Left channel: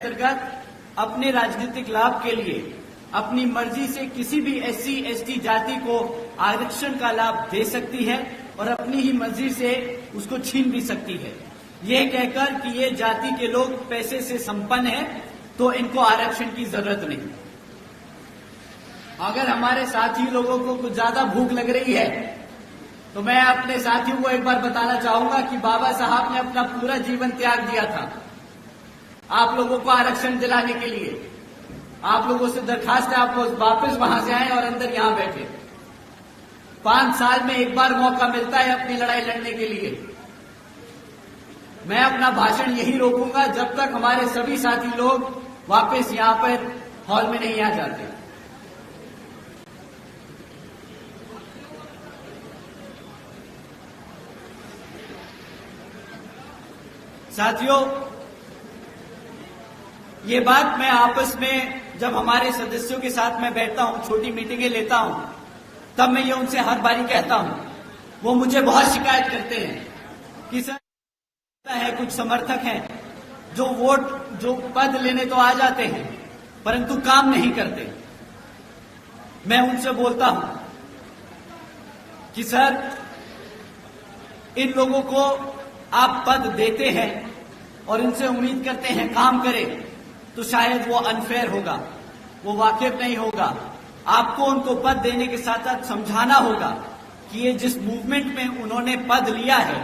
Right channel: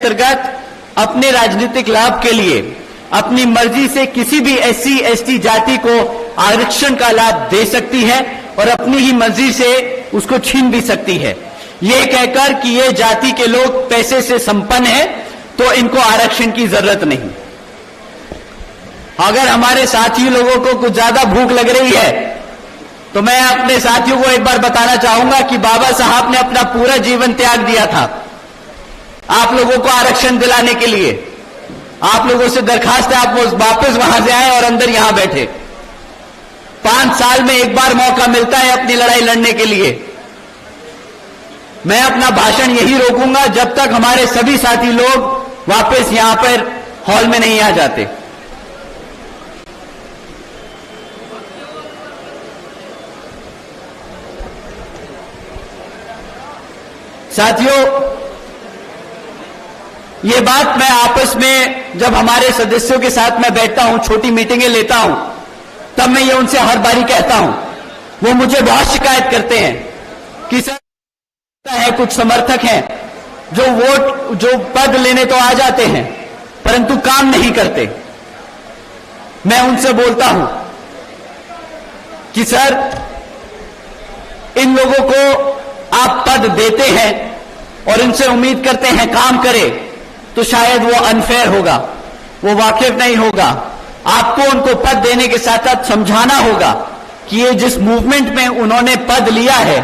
अंतर्गत अपने राजनीतिक लाभ के लिए अपनी मर्जी से किसी भी एससी एसटी जाति को आरक्षण का लाभ दे सकती है और अपनी ही मर्जी से उसको छीन भी सकती है। यह कहकर कि ये जाति के लोग पैसे से संपन्न हैं तो इनको आरक्षण की जरूरत नहीं। अगर हमारे साथी लोगों को कुछ ज्यादा भूख लग रही है तो मैं अपने साथियों को एक बार बताना चाहूंगा कि बाबा साहब ने अपना पूरा जीवन त्याग दिया था आप लोगों को आरक्षण दिलाने के लिए। आप लोगों से दरखास्त है आप वापस वहां से आए और अंदर यहां बैठे। 5 साल में एक बार मौका मिलता है अपनी लड़ाई लड़ने के लिए। मैं अपना भाषण यही रोकूंगा जब तक हमारे सभी साथी लोग वापस यहां पर हॉल में नहीं आ जाते। साथियों, ये बात मैं आपस में जब हमारे सदस्यों के साथ मैं बैठता हूं, छोटी मीटिंगें लेता हूं, तब मैं ये उनसे हर बारी कहता हूं। वो मुझे बहुत शिकायत करते हैं कि सर है कुछ समर्थक हैं जो पद लेने तो आ जाते हैं परंतु काम नहीं करते। मैं उनसे बोलता हूं कि सर इन लोगों को आप पद देते हैं और इनसे उम्मीद करते हैं काम करे तो शायद वो अनफेयर होगा, वो वाकिफ नहीं होगा। आपको उनको पद देने के साथ साथ समझाना होगा कि ये जिस मूवमेंट में उन्होंने पद लिया है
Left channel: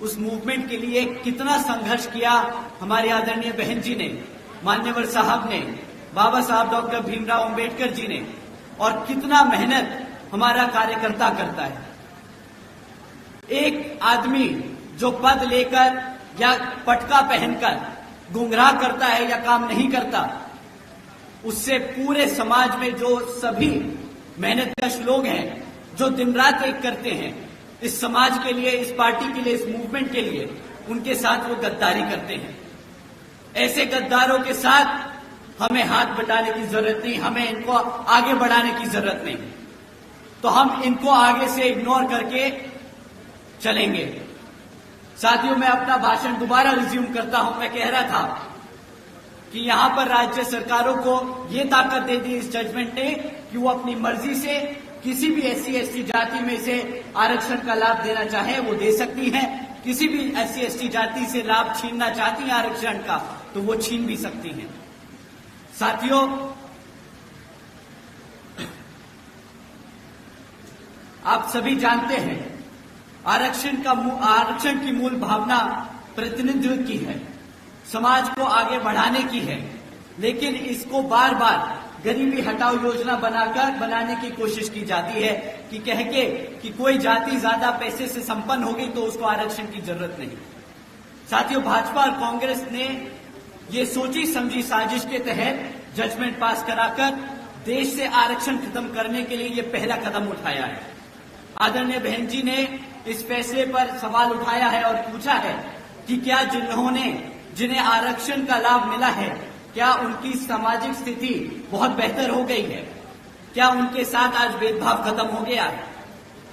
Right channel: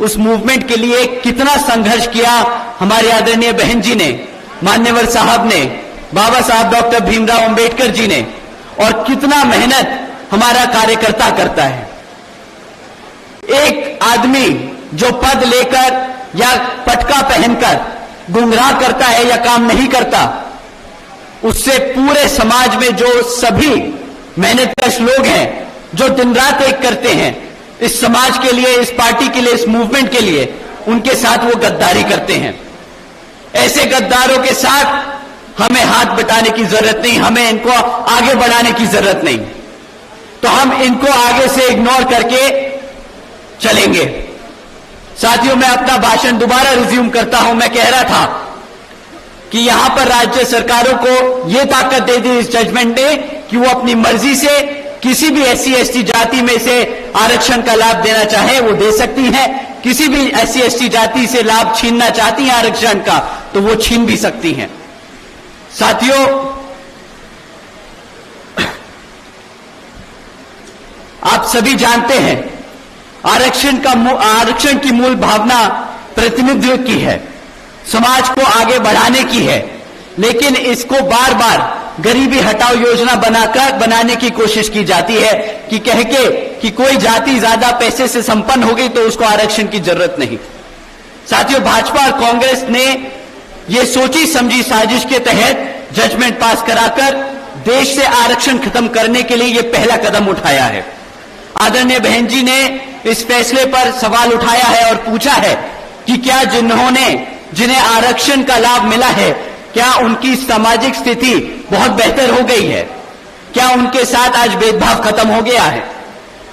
उस मूवमेंट के लिए कितना संघर्ष किया हमारे आदरणीय बहन जी ने, मान्यवर साहब ने, बाबा साहब डॉक्टर भीमराव अंबेडकर जी ने, और कितना मेहनत हमारा कार्यकर्ता करता है। एक आदमी जो पद लेकर या पटका पहनकर गुमराह करता है या काम नहीं करता, उससे पूरे समाज में जो सभी मेहनतकश लोग हैं जो दिन रात एक करते हैं इस समाज के लिए, इस पार्टी के लिए, इस मूवमेंट के लिए, उनके साथ वो गद्दारी करते हैं। ऐसे गद्दारों के साथ हमें हाथ बटाने की जरूरत नहीं, हमें इनको आगे बढ़ाने की जरूरत नहीं। तो हम इनको आगे से इग्नोर करके चलेंगे। साथियों, मैं अपना भाषण दोबारा रिज्यूम करता हूं। मैं कह रहा था कि यहां पर राज्य सरकारों को यह ताकत दे दी इस जजमेंट ने कि वो अपनी मर्जी से किसी भी एससी एसटी जाति में से आरक्षण का लाभ देना चाहे वो दे सकती हैं। किसी भी एससी एसटी जाति से लाभ छीनना चाहती हैं आरक्षण का तो वो छीन भी सकती हैं। साथियों, आप सभी जानते हैं आरक्षण की मूल भावना प्रतिनिधित्व की है, समाज को आगे बढ़ाने की है, लेकिन इसको बार बार गरीबी हटाओ योजना बनाने की कोशिश की जाती है कि कह के कि कोई जाति ज्यादा पैसे से संपन्न हो गई तो उसको आरक्षण की जरूरत नहीं। साथियों, भाजपा और कांग्रेस ने ये सोची समझी साजिश के तहत जजमेंट पास कराकर देश से आरक्षण खत्म करने के लिए ये पहला कदम उठाया है। आदरणीय बहन जी ने इस फैसले पर सवाल उठाया है और पूछा है कि क्या जिन्हें आरक्षण का लाभ मिला है क्या उनकी सामाजिक स्थिति बहुत बेहतर हो गई है, क्या उनके साथ आज भेदभाव खत्म हो गया है।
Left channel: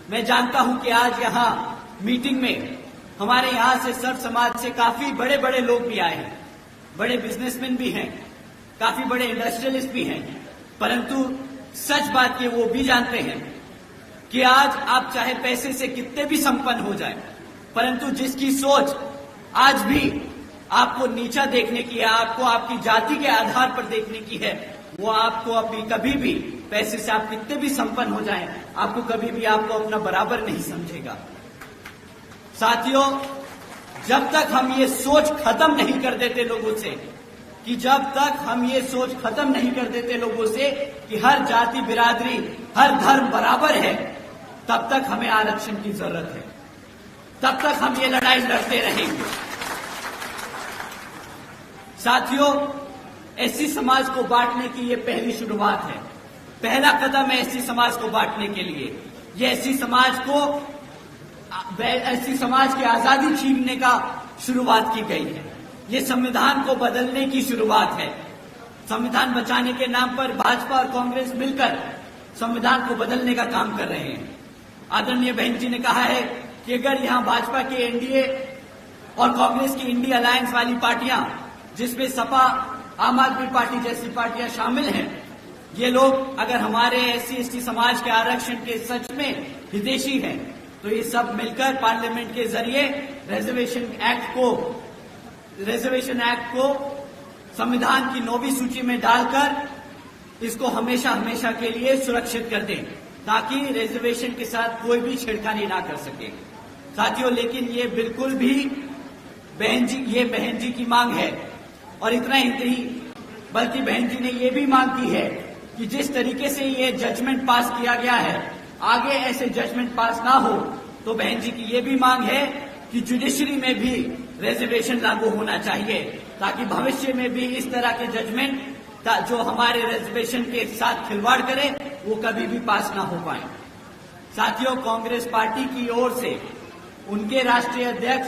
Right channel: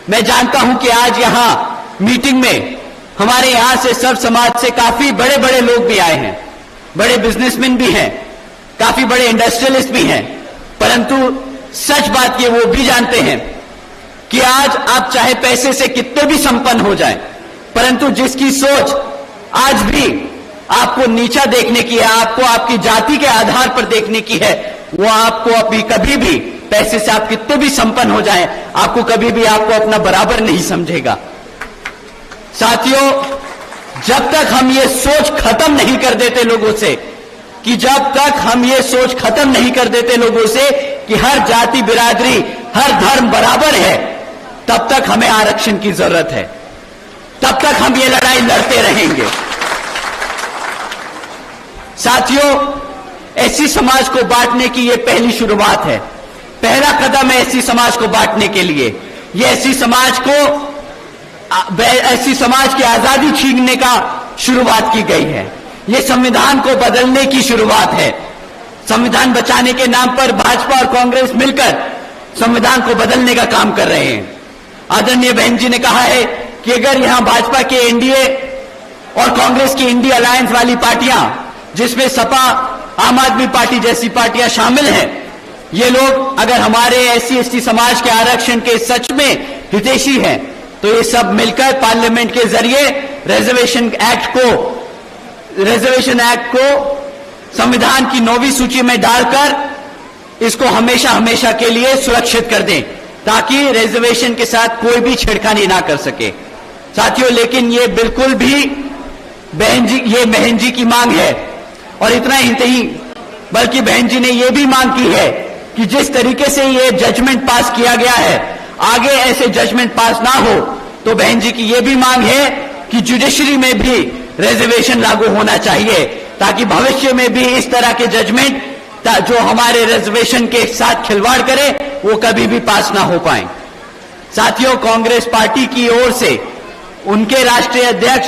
मैं जानता हूं कि आज यहां मीटिंग में हमारे यहां से सर्व समाज से काफी बड़े बड़े लोग भी आए हैं, बड़े बिजनेसमैन भी हैं, काफी बड़े इंडस्ट्रियलिस्ट भी हैं, परंतु सच बात ये वो भी जानते हैं कि आज आप चाहे पैसे से कितने भी संपन्न हो जाएं, परंतु जिसकी सोच आज भी आपको नीचा देखने की है, आपको आपकी जाति के आधार पर देखने की है, वो आपको अभी कभी भी पैसे से आप कितने भी संपन्न हो जाएं, आपको कभी भी आपको अपना बराबर नहीं समझेगा। साथियों, जब तक हम ये सोच खत्म नहीं कर देते लोगों से कि हर जाति बिरादरी हर धर्म बराबर है, तब तक हमें आरक्षण की जरूरत है, तब तक हम ये लड़ाई लड़ते रहेंगे। साथियों, एससी समाज को बांटने की ये पहली शुरुआत है, पहला कदम है एससी समाज को बांटने के लिए। ये एससी समाज की आजादी छीनने का शुरुआत की गई है, ये संविधान को बदलने की शुरुआत है। संविधान बचाने के नाम पर भाजपा और कांग्रेस मिलकर संविधान को बदलने का काम कर रहे हैं। आदरणीय बहन जी ने कहा है कि अगर यहां भाजपा के एनडीए और कांग्रेस की इंडिया अलायंस वाली पार्टियां जिसमें सपा आम आदमी पार्टी जैसी पार्टियां शामिल हैं, ये लोग अगर हमारे एससी एसटी समाज के आरक्षण के सच में हितैषी हैं, तो ये सब मिलकर पार्लियामेंट के जरिए रिजर्वेशन एक्ट को संविधान की 9वीं सूची में डालकर इसको हमेशा हमेशा के लिए सुरक्षित कर दें, ताकि रिजर्वेशन के साथ कोई भी छेड़खानी ना कर सके। साथियों, लेकिन ये बिल्कुल भी बहन जी की मांग है, और इतना ही नहीं बल्कि बहन जी ने ये भी मांग की है कि जिस तरीके से ये जजमेंट पास किया गया है, आगे ऐसे जजमेंट पास ना हो, तो बहन जी की ये भी मांग है कि जुडिशरी में भी रिजर्वेशन लागू होना चाहिए, ताकि भविष्य में भी इस तरह के जजमेंट जो हमारे रिजर्वेशन के साथ खिलवाड़ करे वो कभी भी पास ना हो पाए। साथियों, कांग्रेस पार्टी की ओर से उनके राष्ट्रीय अध्यक्ष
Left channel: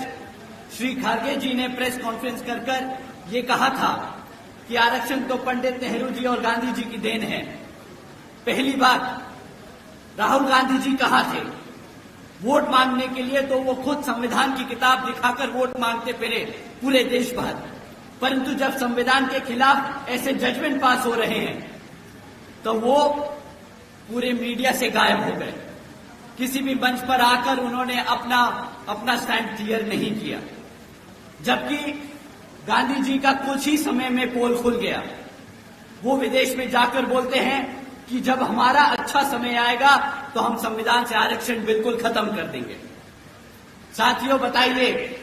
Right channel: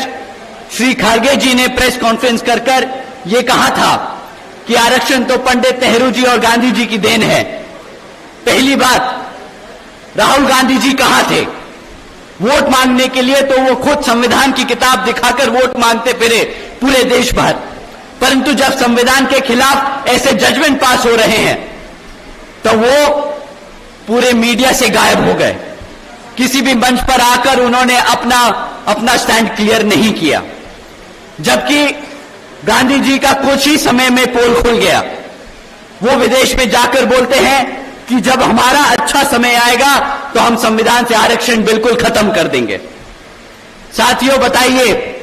श्री खड़गे जी ने प्रेस कॉन्फ्रेंस कर ये कहा था कि आरक्षण तो पंडित नेहरू जी और गांधी जी की देन है। पहली बात, राहुल गांधी जी कहां थे वोट मांगने के लिए? तो वो खुद संविधान की किताब दिखाकर वोट मांगते फिरे पूरे देश भर, परंतु जब संविधान के खिलाफ ऐसे जजमेंट पास हो रहे हैं तो वो पूरे मीडिया से गायब हो गए। किसी भी मंच पर आकर उन्होंने अपना स्टैंड क्लियर नहीं किया, जबकि गांधी जी का कुछ ही समय में पोल खुल गया। वो विदेश में जाकर बोलते हैं कि जब हमारा अच्छा समय आएगा तो हम संविधान से आरक्षण बिल्कुल खत्म कर देंगे। साथियों, बताइए,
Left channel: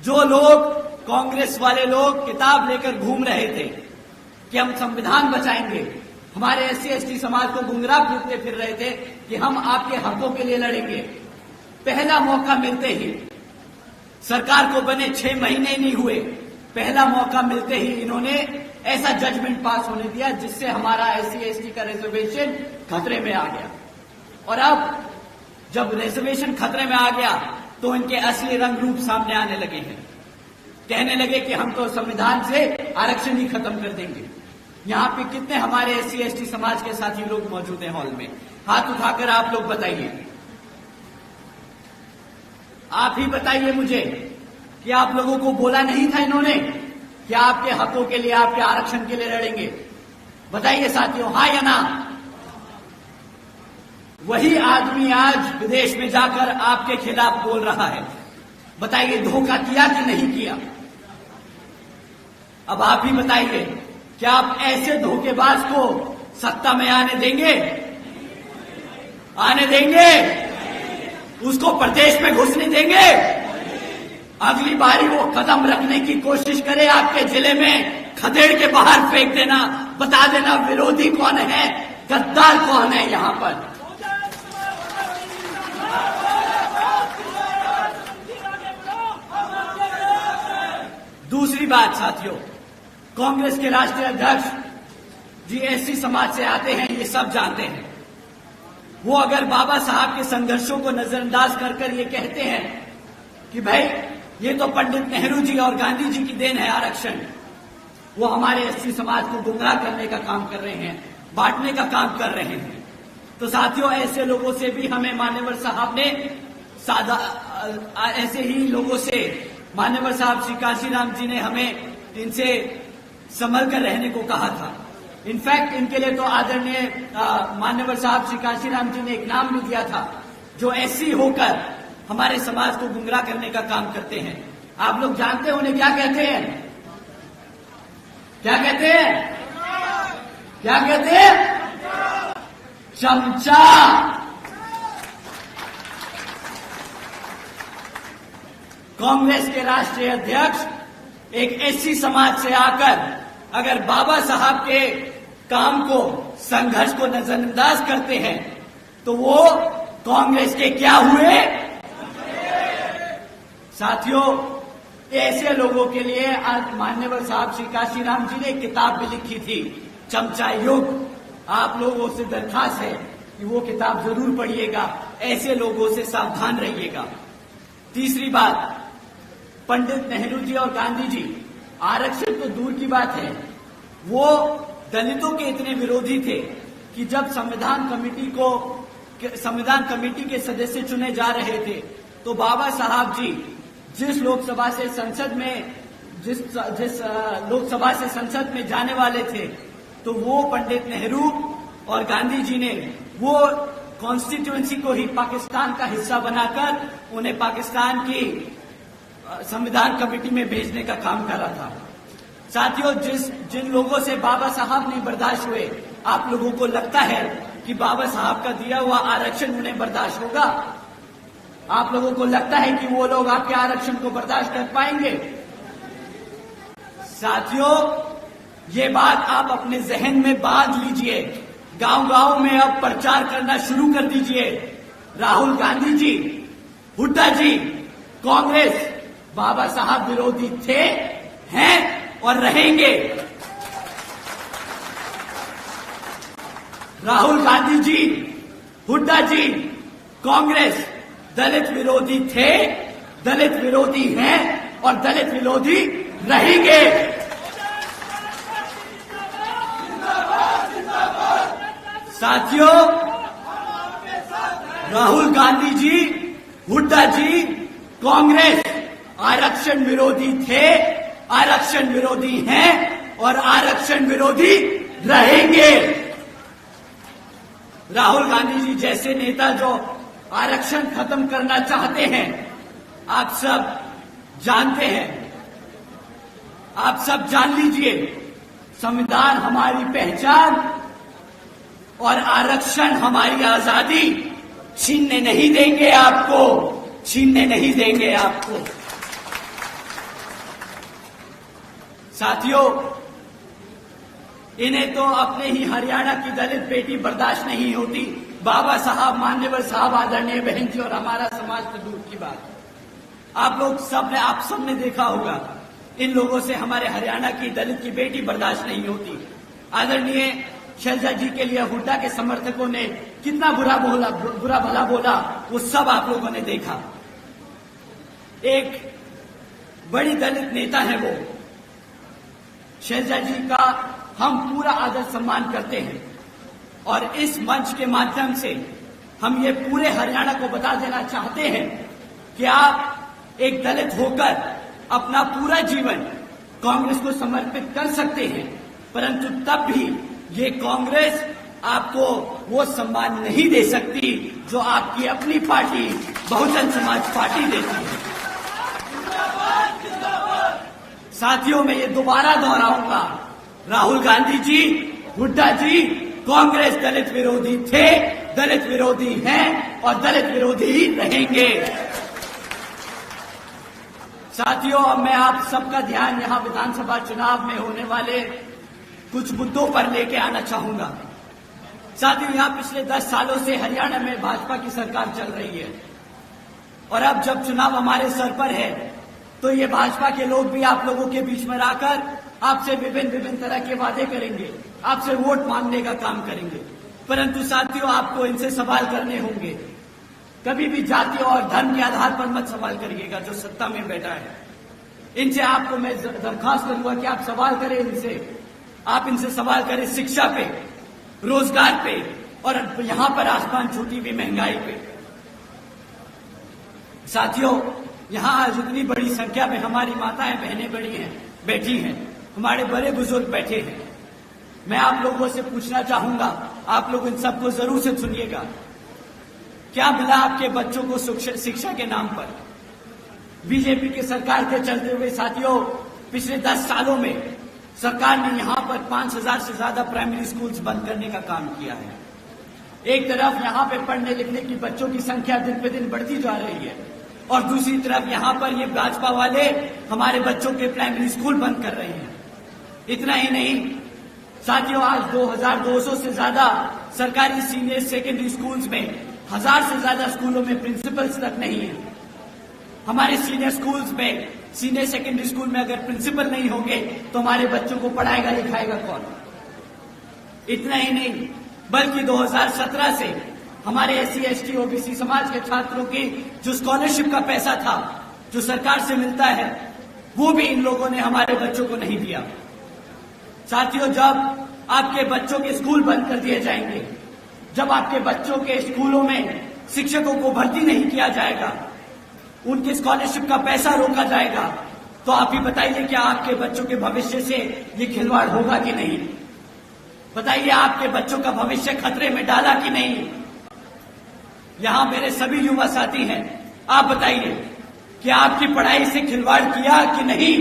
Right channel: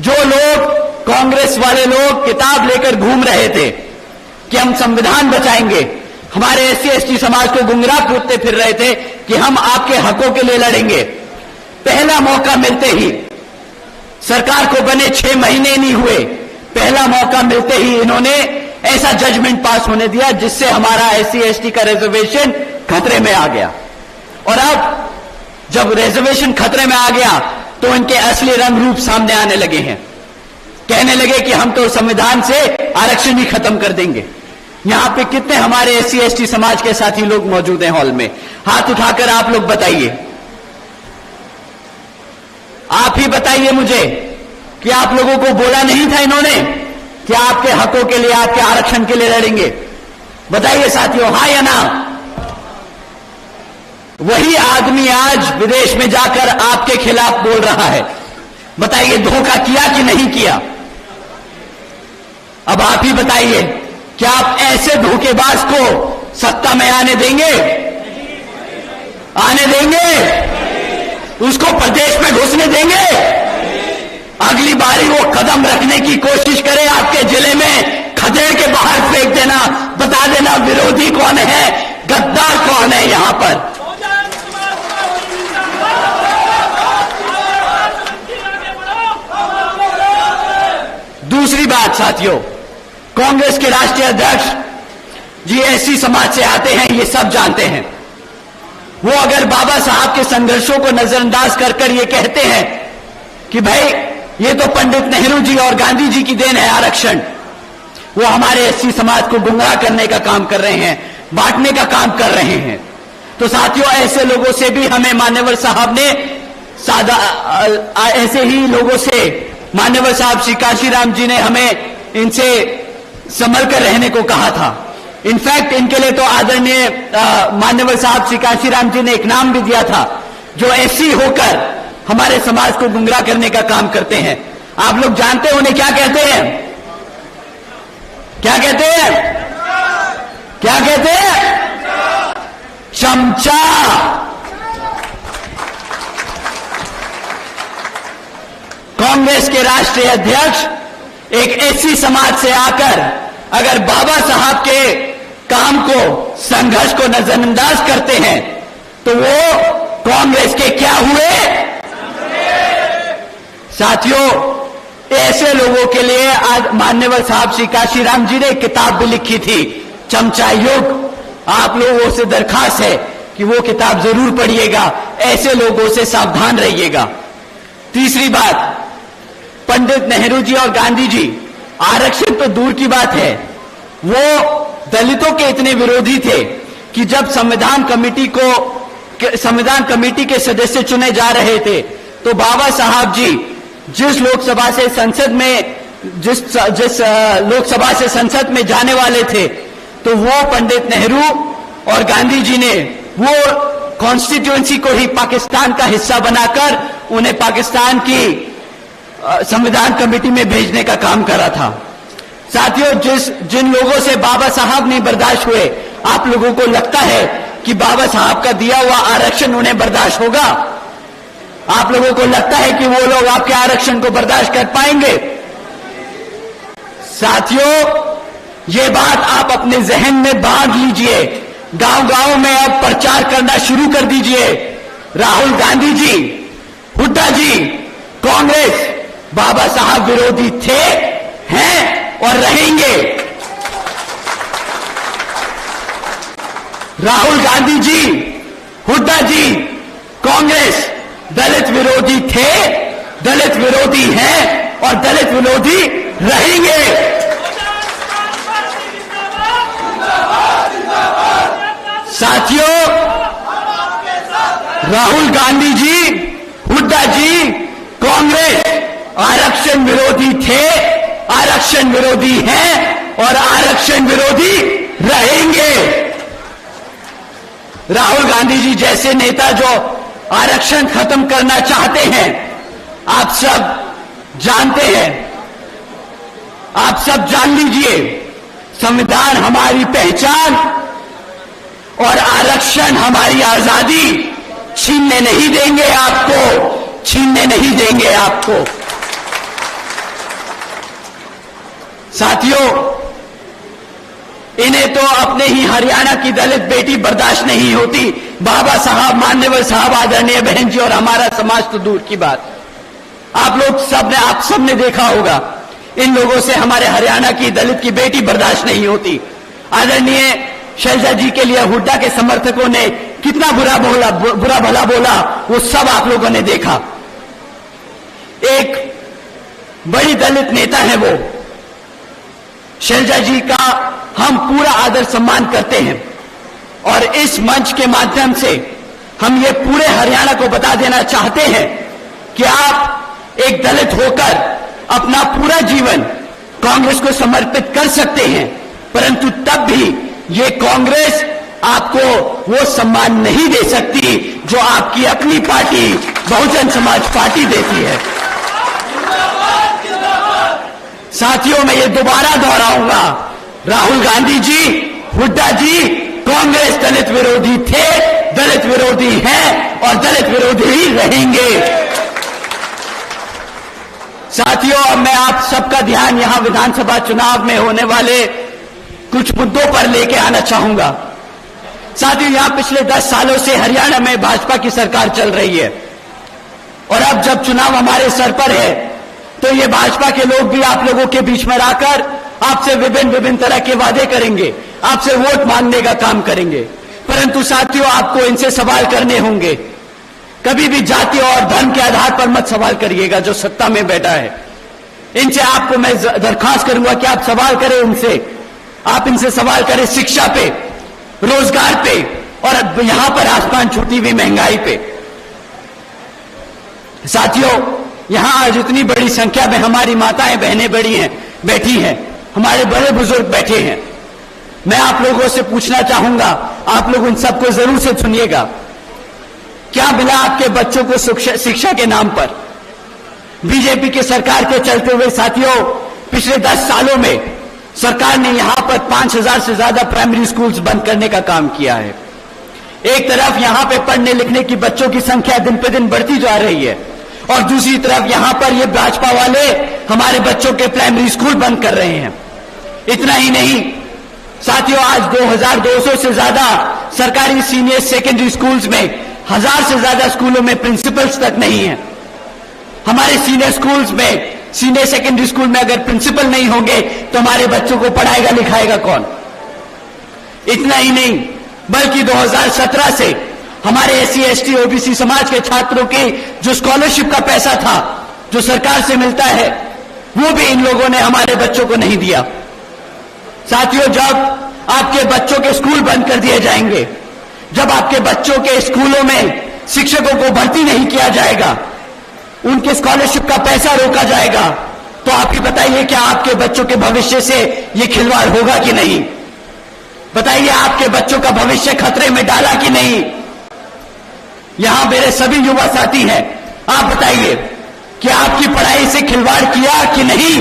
जो लोग कांग्रेस वाले लोग किताब लेकर घूम रहे थे कि हम संविधान बचाएंगे, हमारे एससी एसटी समाज को गुमराह करते फिर रहे थे कि हम आपके हकों के लिए लड़ेंगे, पहला मौका मिलते ही, सरकार को बने 6 महीने नहीं हुए, पहला मौका मिलते ही इन्होंने ऐसा जजमेंट पास होने दिया जिससे हमारा एससी एसटी का रिजर्वेशन खतरे में आ गया। और अब जब रिजर्वेशन खतरे में आ गया तो इनके असली रंग रूप सामने आने लगे हैं। कहने लगे कि हम तो संविधान से आरक्षण ही खत्म कर देंगे। यहां पे कितने हमारे एससी एसटी समाज के साथी लोग मौजूद हैं हॉल में? हाथ उठाकर आप लोग बताइए, आप ही बताइए मुझे कि आप लोगों को बोला नहीं था इन्होंने कि आपके हकों के लिए, आपके आरक्षण के लिए लड़ेंगे? बताइए साथियों, हाँ या ना? वही आदमी आज विदेश में जाकर आपके खिलाफ बोल रहा है। बताइए, धोखा किया कि नहीं किया? अब आप ही बताइए, क्या आप ऐसे धोखेबाज को सत्ता में आने देंगे? आने देंगे? उसको प्रदेश में घुसने देंगे? अगली बारी वो कदम रखने की कोशिश करे आपके जिले में, खदेड़ के बाहर फेंक देना, बता देना विरोधी कौन है, गद्दार कौन है यहां पर। दूसरी बात साथियों, कांग्रेस के राष्ट्रीय अध्यक्ष जी एससी समाज से आते हैं, ये सब जानते हैं। वो अगर बाबा साहब के संघर्षों को नजरअंदाज कर ये कहते हैं कि भाई ये तो पंडित नेहरू जी और गांधी जी की देन है आरक्षण, वो हमारे एससी समाज को गुमराह करने का काम कर रहे हैं, बांटने का काम कर रहे हैं, तो साथियों ऐसे लोगों से भी हमें मान्यवर साहब ने ऐसे ही लोगों से मान्यवर साहब श्री काशीराम जी ने हमें इनसे संभल कर रहने को कहा था। इनफैक्ट इनके लिए तो आदरणीय मान्यवर साहब श्री काशीराम जी ने एक नाम भी दिया था, जो एससी होकर हमारे समाज को गुमराह करने का काम करते हैं। आप लोग जानते हैं उन्हें क्या कहते हैं? क्या कहते हैं? क्या कहते हैं? चमचा। कांग्रेस के राष्ट्रीय अध्यक्ष एक एससी समाज से आकर अगर बाबा साहब के काम को, संघर्ष को नजरअंदाज करते हैं तो वो कांग्रेस के क्या हुए? साथियों, ऐसे लोगों के लिए आज मान्यवर साहब श्री काशीराम जी ने एक किताब भी लिखी थी, चमचा युग। आप लोगों से दरखास्त है कि वो किताब जरूर पढ़िएगा, ऐसे लोगों से सावधान रहिएगा। तीसरी बात, पंडित नेहरू जी और गांधी जी आरक्षण तो दूर की बात है, वो दलितों के इतने विरोधी थे कि जब संविधान कमेटी के सदस्य चुने जा रहे थे तो बाबा साहब जी जिस लोकसभा से संसद में जिस लोकसभा से संसद में जाने वाले थे, तो वो पंडित नेहरू और गांधी जी ने वो कॉन्स्टिट्यूएंसी को ही पाकिस्तान का हिस्सा बनाकर उन्हें पाकिस्तान की संविधान कमेटी में भेजने का काम करा था। साथियों, जिन लोगों से बाबा साहब नहीं बर्दाश्त हुए, आप लोगों को लगता है कि बाबा साहब का दिया हुआ आरक्षण उन्हें बर्दाश्त होगा? आप लोगों को लगता है कि वो लोग आपके आरक्षण को बर्दाश्त कर पाएंगे? साथियों, ये बात आप अपने जहन में बांध लीजिए। गांव-गांव में अब प्रचार करना शुरू कर दीजिए। राहुल गांधी जी, हुड्डा जी, कांग्रेस बाबा साहब विरोधी थे, हैं और रहेंगे। राहुल गांधी जी, हुड्डा जी, कांग्रेस दलित विरोधी थे, दलित विरोधी हैं और दलित विरोधी रहेंगे। साथियों, राहुल गांधी जी, हुड्डा जी, कांग्रेस आरक्षण विरोधी थे, आरक्षण विरोधी हैं और आरक्षण विरोधी रहेंगे। राहुल गांधी जी जैसे नेता जो आरक्षण खत्म करना चाहते हैं, आप सब जानते हैं, आप सब जान लीजिए, संविधान हमारी पहचान और आरक्षण हमारी आजादी छीनने नहीं देंगे आपको, छीनने नहीं देंगे आपको। साथियों, इन्हें तो अपने ही हरियाणा की दलित बेटी बर्दाश्त नहीं होती। बाबा साहब, मान्यवर साहब, आदरणीय बहन जी और हमारा समाज तो दूर की बात। आप सब ने देखा होगा, इन लोगों से हमारे हरियाणा की दलित की बेटी बर्दाश्त नहीं होती। आदरणीय शैलजा जी के लिए हुड्डा के समर्थकों ने कितना बुरा भला बोला, वो सब आप लोगों ने देखा। एक बड़ी दलित नेता है वो, शैलजा जी का हम पूरा आदर सम्मान करते हैं और इस मंच के माध्यम से हम ये पूरे हरियाणा को बता देना चाहते हैं कि आप एक दलित होकर अपना पूरा जीवन कांग्रेस को समर्पित कर सकते हैं, परंतु तब भी ये कांग्रेस आपको वो सम्मान नहीं दे सकती जो आपकी अपनी पार्टी बहुजन समाज पार्टी देती है। साथियों, मैं ये दोबारा दोहराऊंगा, राहुल गांधी जी, हुड्डा जी, कांग्रेस दलित विरोधी थे, दलित विरोधी हैं और दलित विरोधी ही रहेंगे। साथियों, अब मैं आप सबका ध्यान यहां विधानसभा चुनाव में होने वाले कुछ मुद्दों पर लेके आना चाहूंगा। साथियों, यहां पिछले 10 सालों से हरियाणा में भाजपा की सरकार चल रही है और अब जब चुनाव हमारे सर पर है तो ये भाजपा के लोग भी आप लोगों के बीच में आकर आपसे विभिन्न तरह के वादे करेंगे, आपसे वोट मांगने का काम करेंगे, परंतु साथियों, आपको इनसे सवाल करने होंगे। कभी भी जाति और धर्म के आधार पर मत सवाल करिएगा जो सत्ता में बैठा है। इनसे आपको मैं दरखास्त करूंगा कि आप सवाल करें इनसे, आप इनसे सवाल करें शिक्षा पे, रोजगार पे और यहां पर आसमान छूटी हुई महंगाई पे। साथियों, यहां आज इतनी बड़ी संख्या में हमारी माताएं बहनें बैठी हैं, हमारे बड़े बुजुर्ग बैठे हैं। मैं आप लोगों से पूछना चाहूंगा, आप लोग उन सबको जरूर से सुनिएगा, क्या मिला आपके बच्चों को शिक्षा के नाम पर? बीजेपी के सरकार के चलते हुए साथियों, पिछले 10 सालों में सरकार ने यहां पर 5000 से ज्यादा प्राइमरी स्कूल्स बंद करने का काम किया है। एक तरफ यहां पे पढ़ने लिखने की बच्चों की संख्या दिन पे दिन बढ़ती जा रही है और दूसरी तरफ यहां पर ये भाजपा वाले हमारे बच्चों के प्राइमरी स्कूल बंद कर रहे हैं। इतना ही नहीं साथियों, आज 2200 से ज्यादा सरकारी सीनियर सेकेंडरी स्कूल्स में 1000 से ज्यादा स्कूलों में प्रिंसिपल्स तक नहीं है। हमारे सीनियर स्कूल्स में, सीनियर सेकेंडरी स्कूल में अगर प्रिंसिपल नहीं होंगे तो हमारे बच्चों को पढ़ाएगा लिखाएगा कौन? इतना ही नहीं, बल्कि 2017 से हमारे एससी एसटी ओबीसी समाज के छात्रों की जो स्कॉलरशिप का पैसा था जो सरकार से मिलता है, वो भी इन लोगों ने हमारे बच्चों को नहीं दिया। साथियों, जब आपके बच्चों के स्कूल बंद कर दिए जाएंगे, जब आपके बच्चों के स्कूलों में शिक्षकों को भर्ती नहीं किया जाएगा, उनके स्कॉलरशिप का पैसा रोका जाएगा, तो आप ही बताइए, क्या आपके बच्चों के भविष्य से ये खिलवाड़ होगा कि नहीं? बताइए, आपके बच्चों का भविष्य खतरे में डाला कि नहीं? यहां मेरे सभी युवा साथी हैं, आप बताइए कि आपकी पढ़ाई से खिलवाड़ किया कि नहीं?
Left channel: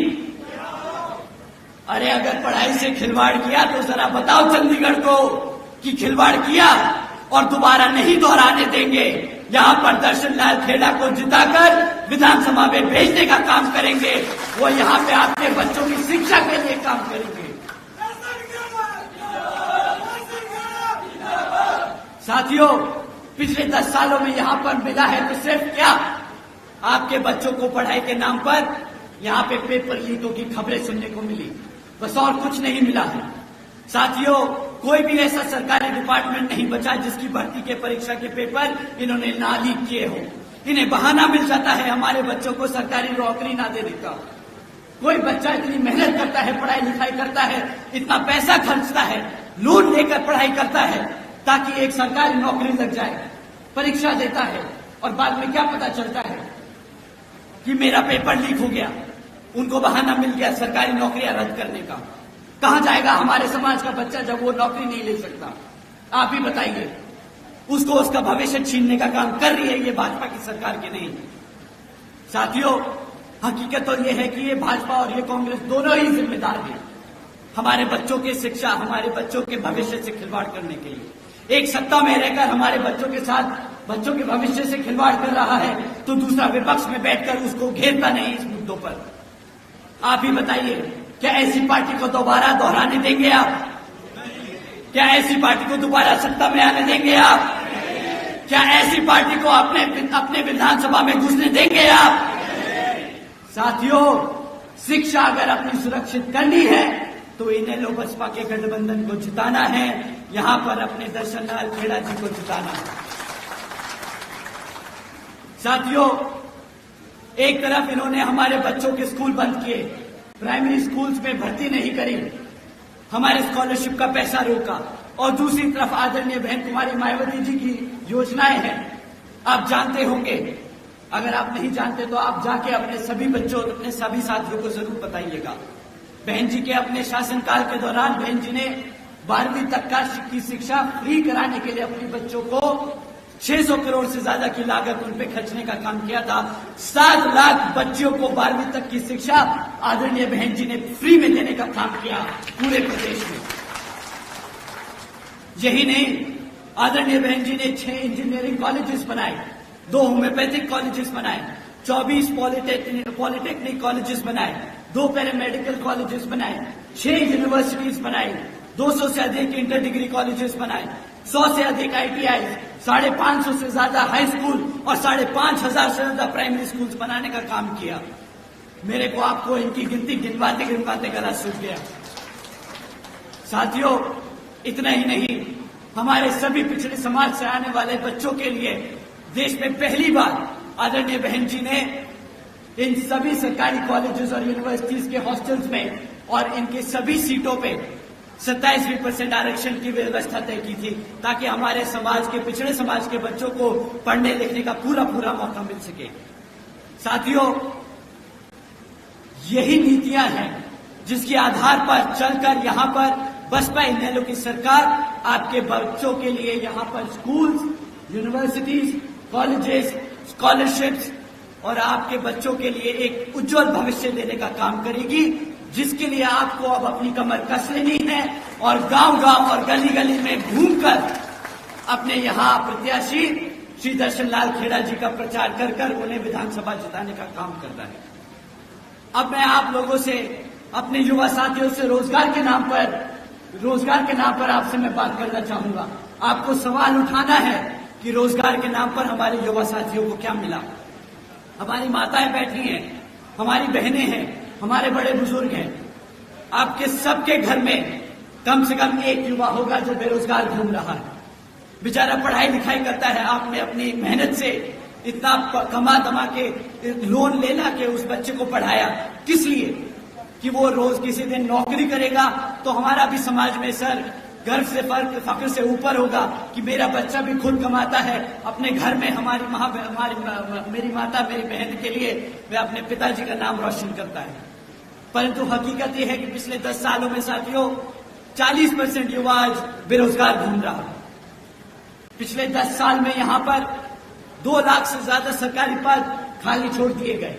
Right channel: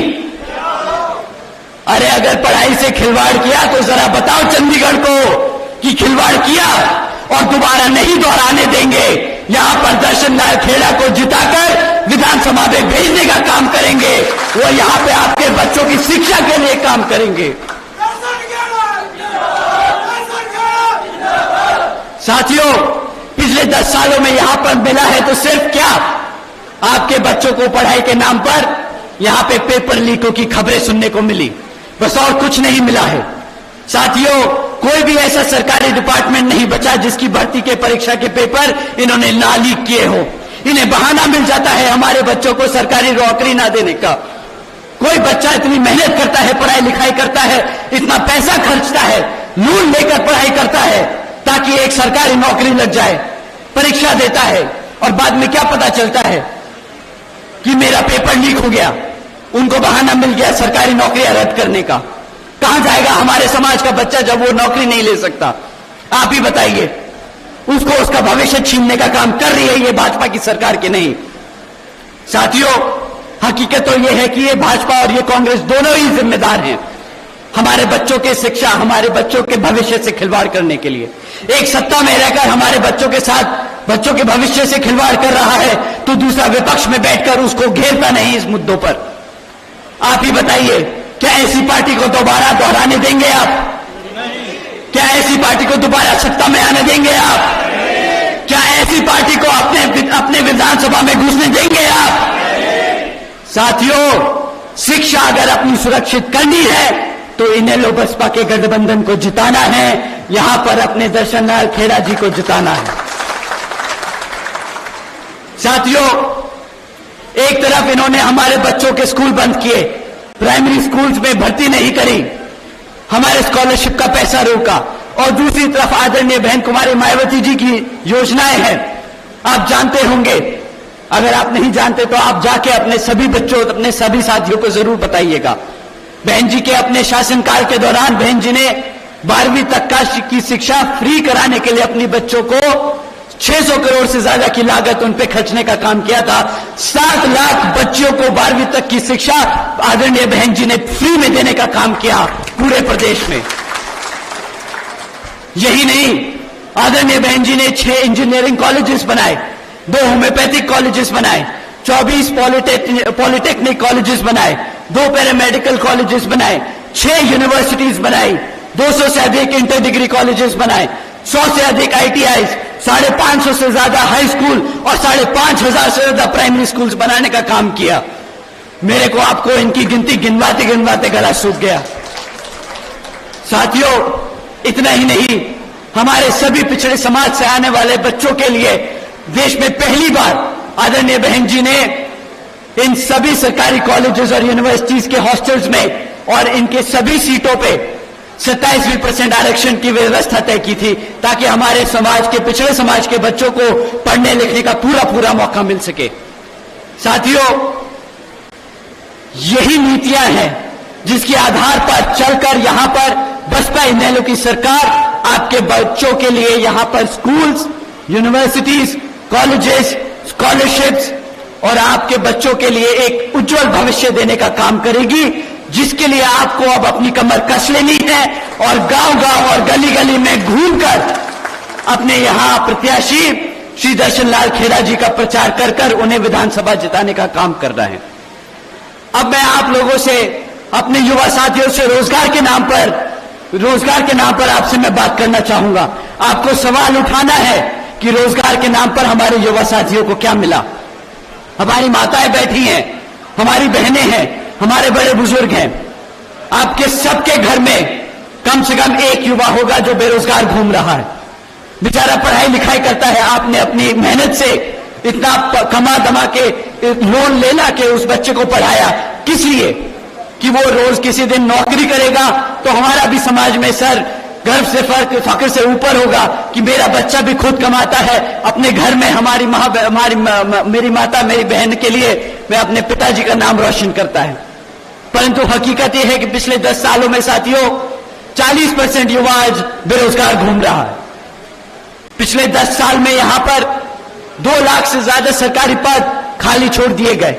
अरे अगर पढ़ाई से खिलवाड़ किया तो जरा बताओ चंडीगढ़ को कि खिलवाड़ किया, और दोबारा नहीं दोहराने देंगे। यहां पर दर्शन लाल खेड़ा को जिताकर विधानसभा में भेजने का काम करेंगे। वो यहां पे आपके बच्चों की शिक्षा के लिए काम करेंगे। साथियों, पिछले 10 सालों में यहां पर मिला है तो सिर्फ क्या, आपके बच्चों को पढ़ाई के नाम पर यहां पे पेपर लीकों की खबरें सुनने को मिली, बस और कुछ नहीं मिला है। साथियों, कोई भी ऐसा सरकारी डिपार्टमेंट नहीं बचा जिसकी भर्ती के परीक्षा के पेपर इन्होंने ना लीक किए हो। इन्हें बहाना मिल जाता है हमारे बच्चों को सरकारी नौकरी ना देने का। कोई बच्चा इतनी मेहनत करता है, पढ़ाई लिखाई करता है, इतना पैसा खर्चता है, लोन लेकर पढ़ाई करता है ताकि एक सरकारी नौकरी लग जाए, परीक्षा देता है और बाद में क्या पता चलता है कि मेरा पेपर लीक हो गया, उनको बहाना मिल गया सरकारी नौकरियां रद्द करने का। कहां जाएगा हमारे समाज का बच्चा जब वो नौकरी नहीं ले सकता? आप ही बताइए। उसको उसका भविष्य छीनने का काम कर रही है ये भाजपा की सरकार के नहीं। साथियों, हकीकत तो ये है कि ये भाजपा और ये कांग्रेस दोनों ही जिम्मेदार हैं हमारे बच्चों के शिक्षा, हमारे बच्चों के भविष्य से खिलवाड़ करने के लिए। एक सत्ता में रहकर हमारे बच्चों के साथ बच्चों के भविष्य से खिलवाड़ कर रहा है तो दूसरा विपक्ष में बैठकर उसको घेरता नहीं इस मुद्दों पर। आप ही बताइए, क्या ऐसी पार्टी को दोबारा दोहराने देंगे आप? क्या ऐसी पार्टी को दोबारा सत्ता में आने देंगे आप? क्या ऐसी पार्टी को अपने विधानसभा में घुसने देंगे आप? साथियों, शिक्षा अगर अपनी सुरक्षित करनी है तो इन्हें लो बसपा के गठबंधन को जिताना है, यहां पर अपने दर्शन लाल खेड़ा जी को जिताना है। साथियों, एक तरफ इन्होंने हमारे बच्चों के स्कूल बंद किए, प्राइमरी स्कूल्स में भर्ती नहीं करी, हमारे स्कॉलरशिप का पैसा रोका, और दूसरी तरफ आदरणीय बहन कुमारी मायावती जी की योजनाएं हैं। आप जानते होंगे, अगर आप नहीं जानते तो आप जाके अपने सभी बच्चों, अपने सभी साथियों को जरूर बताइएगा। बहन जी के अपने शासनकाल के दौरान बहन जी ने 12वीं तक की शिक्षा फ्री कराने के लिए अपनी बच्चों को 600 करोड़ से ज्यादा की लागत उन पे खर्चने का काम किया था। 7 लाख बच्चों को 12वीं तक की शिक्षा आदरणीय बहन जी ने फ्री में देने का काम किया पूरे प्रदेश में। यही नहीं, आदरणीय बहन जी ने 6 इंजीनियरिंग कॉलेजेस बनाए, 2 होम्योपैथिक कॉलेजेस बनाए, 24 पॉलिटेक्निक कॉलेजेस बनाए, 2 पैरामेडिकल कॉलेजेस बनाए, 6 यूनिवर्सिटीज बनाई, 200 से अधिक इंटर डिग्री कॉलेजेस बनाए, 100 से अधिक ITIs, 550 से ज्यादा हाई स्कूल और 5,500 से ज्यादा प्राइमरी स्कूल्स बनाने का काम किया। मेरे को आपको इनकी गिनती गिनवाते गिनवाते गला सूख गया। साथियों, इतना ही नहीं, हमारे सभी पिछड़े समाज से आने वाले बच्चों के लिए देश में पहली बार आदरणीय बहन जी ने इन सभी सरकारी कॉलेजेस और यूनिवर्सिटीज के हॉस्टल्स में और इनके सभी सीटों पे 27% आरक्षण की व्यवस्था तय की थी ताकि हमारे समाज के, पिछड़े समाज के बच्चों को पढ़ने लिखने का पूरा मौका मिल सके। साथियों, यही नीतियां हैं जिसके आधार पर चलकर यहां पर बसपा इनेलो की सरकार आपके बच्चों के लिए यहां पर स्कूल्स, यूनिवर्सिटीज, कॉलेजेस, स्कॉलरशिप्स और आपके बच्चों के लिए एक उज्जवल भविष्य देने का काम करेगी, जिसके लिए आपको अब अपनी कमर कस लेनी है और गांव-गांव और गली-गली में घूमकर अपने यहां प्रत्याशी श्री दर्शन लाल खेड़ा जी का प्रचार कर कर उन्हें विधानसभा जिताने का काम करना है। अब मैं आप लोगों से, अपने युवा साथियों से रोजगार के नाम पर आपसे मैं बात करना चाहूंगा। आपको सवाल उठाना है कि रोजगार के नाम पर हमारे युवा साथियों को क्या मिला। हमारी माताएं बैठी हैं, हमारी बहनें हैं, हमारे बड़े बुजुर्ग हैं। आपके सबके घर में कम से कम एक युवा होगा जो बेरोजगार घूम रहा है, बेचारा पढ़ाई लिखाई करता है। आपने अपनी मेहनत से इतना कमा दमा के लोन लेना के उस बच्चे को पढ़ाया, किस लिए? कि वो रोज किसी दिन नौकरी करेगा तो हमारा भी समाज में सर गर्व से फख्र से ऊपर होगा कि मेरा बच्चा भी खुद कमाता है, अपने घर में मेरी माता, मेरी बहन के लिए मैं अपने पिताजी का नाम रोशन करता है। परंतु हकीकत यह है कि पिछले 10 सालों में साथियों 40% युवा आज बेरोजगार घूम रहा है। पिछले 10 साल में यहां पर 2 लाख से ज्यादा सरकारी पद खाली छोड़ दिए गए।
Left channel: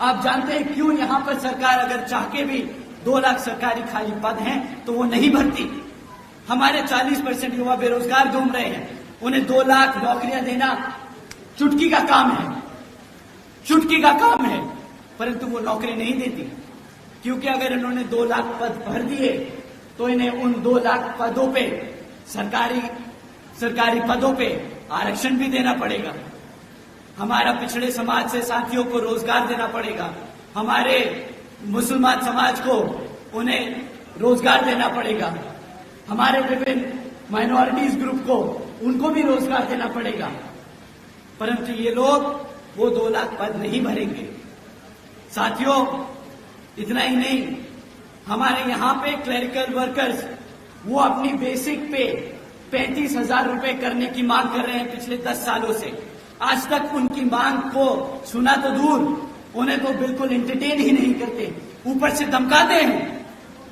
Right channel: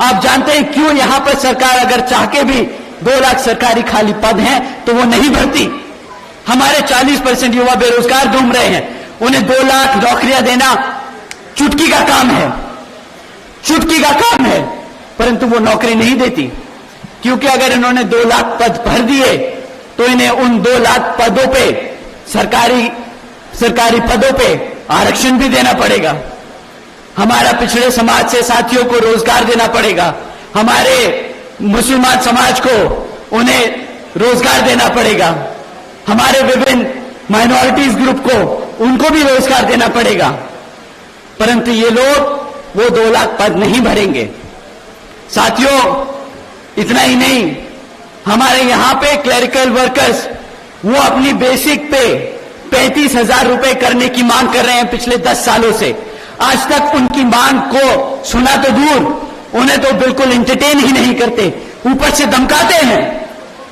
आप जानते हैं क्यों यहां पर सरकार अगर चाह के भी 2 लाख सरकारी खाली पद हैं तो वो नहीं भरती। हमारे 40% युवा बेरोजगार घूम रहे हैं, उन्हें 2 लाख नौकरियां देना चुटकी का काम है, चुटकी का काम है, परंतु वो नौकरी नहीं देती, क्योंकि अगर इन्होंने 2 लाख पद भर दिए तो इन्हें उन 2 लाख पदों पे सरकारी पदों पे आरक्षण भी देना पड़ेगा। हमारा पिछड़े समाज से साथियों को रोजगार देना पड़ेगा, हमारे मुसलमान समाज को उन्हें रोजगार देना पड़ेगा, हमारे विभिन्न माइनॉरिटीज ग्रुप को उनको भी रोजगार देना पड़ेगा, परंतु ये लोग वो 2 लाख पद नहीं भरेंगे। साथियों, इतना ही नहीं, हमारे यहां पे क्लरिकल वर्कर्स वो अपनी बेसिक पे 35,000 रुपए करने की मांग कर रहे हैं पिछले 10 सालों से। आज तक उनकी मांग को सुना तो दूर, उन्हें तो बिल्कुल एंटरटेन ही नहीं करते, ऊपर से धमकाते हैं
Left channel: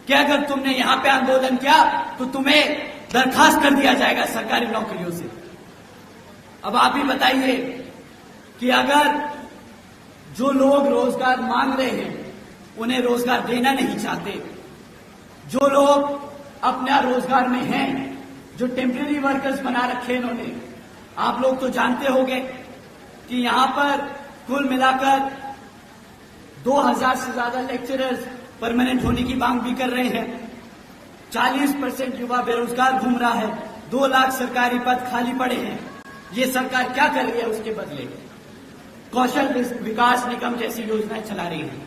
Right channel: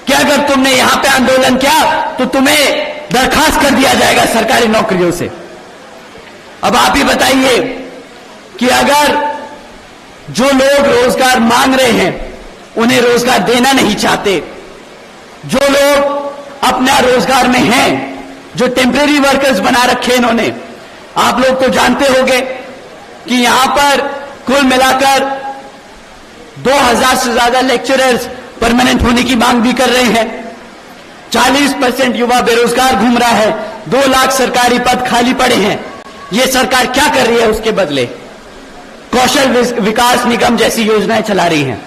कि अगर तुमने यहां पे आंदोलन किया तो तुम्हें दरखास्त कर दिया जाएगा सरकारी नौकरियों से। अब आप ही बताइए कि अगर जो लोग रोजगार मांग रहे हैं उन्हें रोजगार देना नहीं चाहते, जो लोग अपना रोजगार में हैं, जो टेम्परेरी वर्कर्स बना रखे इन्होंने, आप लोग तो जानते होंगे कि यहां पर कुल मिलाकर 2000 से ज्यादा लेक्चरर्स परमानेंट होने की मांग भी कर रहे हैं। 40% युवा बेरोजगार घूम रहा है, 2 लाख सरकारी पद खाली पड़े हैं। ये सरकार क्या कर रही है उसके बदले? कौशल विकास निगम जैसी योजनाएं चला रही हैं।